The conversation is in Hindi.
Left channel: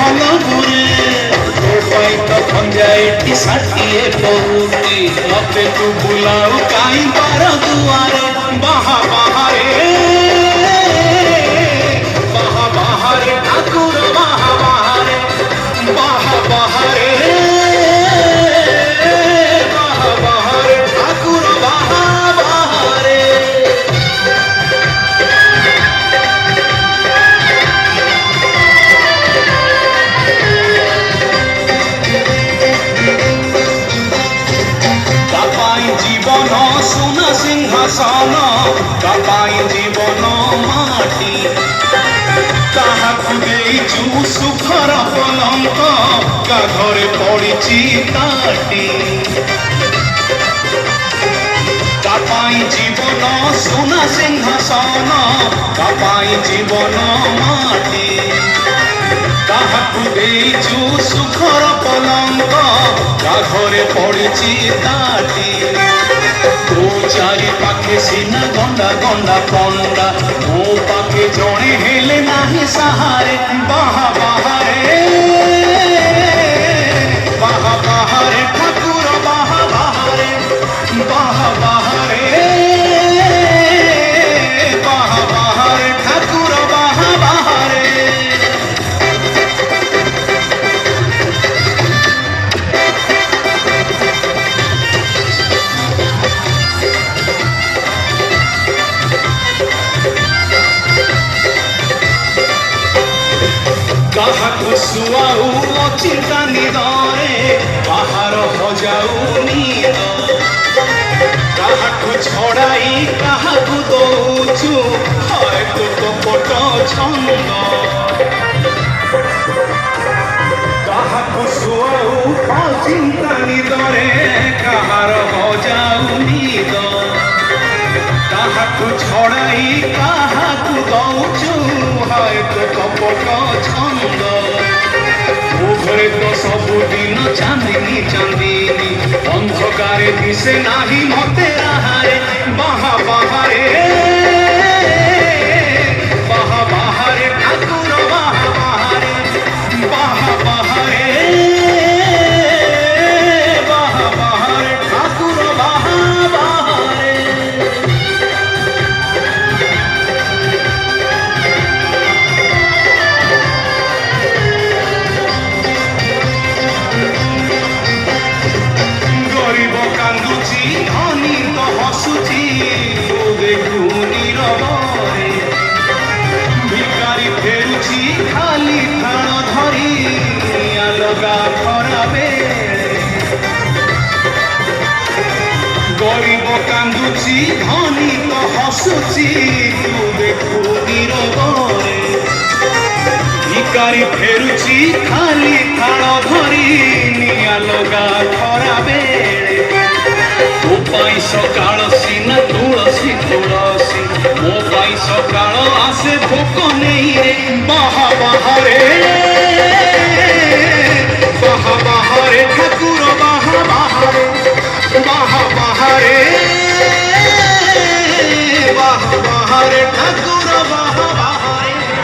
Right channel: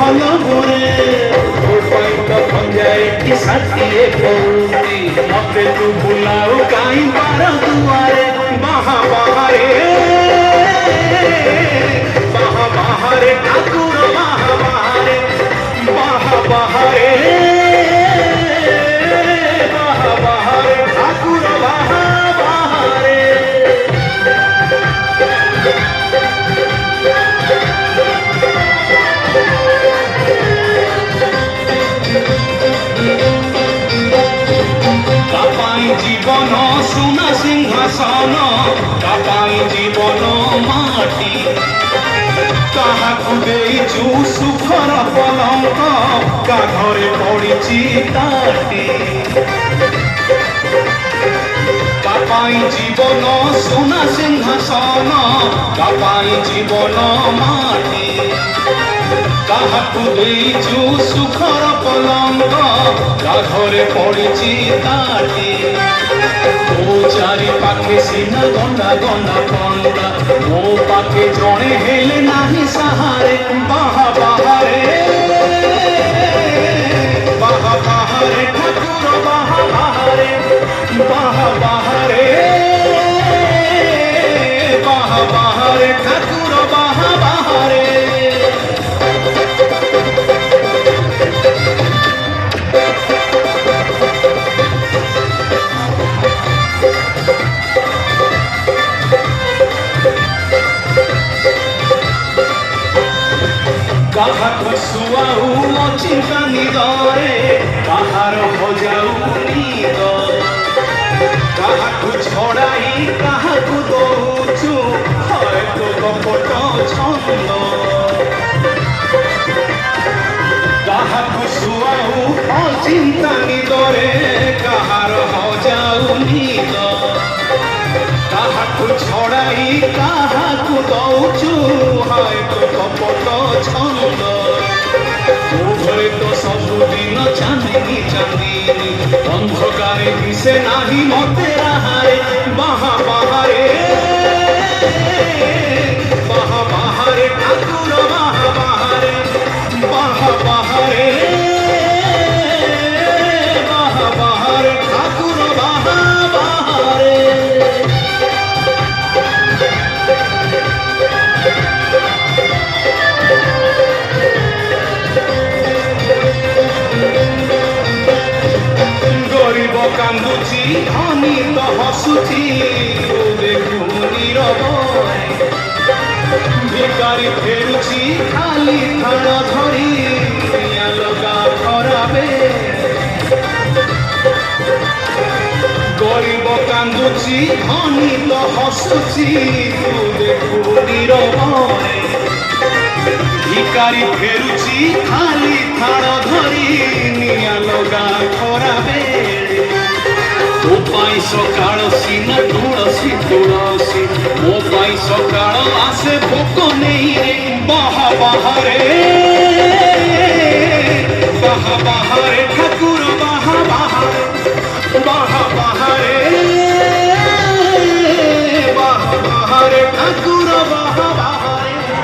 भल बुरे तो खंजाए षाठिए कौती मते तू बुलाऊ कहीं बार दुआरे बाहा बाहरे ठाकुर बाहा बाहरे ठाकुर बाहा बाहरे जीवन सुना सिंहासन तापाई जीवन माटी काहाकु सुखर पलंक काघरे पड़ी ताटी तापाई जीवन सुना सिंहासन तापाई जीवन माटी काहाकु सुखर पलंक काघरे पड़ी ताटी चारि पाखे सीना गंडा गंडा पंडा मो पाखे जड़े हेले नाही सहारे बाहा बाहरे ठाकुर बाहा बाहरे ठाकुर बाहा बाहरे काहाकु सुआऊ अचिंता निदरे बाहर हजाऊ निद काहाकु छड़ाई काहाकु दौचु हय तो कपट छंद काहाकु सुआऊ अचिंता निदरे काहार हजाऊ निद काहाकु छड़ाई काहाकु दौचु हय तो कपट छंद घरे तो सबुदिन चांदिनी चांदिनी अंधकारे दिशे नाही मते आहारे बाहा बाहरे ठाकुर बाहा बाहरे ठाकुर बाहा बाहरे गरीब कांदुची धनी तो हसुची भिकारी फेरुची खाली थान धरी लगा खराबे गरीब कांदुची धनी तो हसुची भिकारी फेरुची खाली थान धरी लगा खराबे मोपाई सकाळ सीना तुळसी तुळसी मोपाई सकाळ आसे भोक नहीं बाहा बाहरे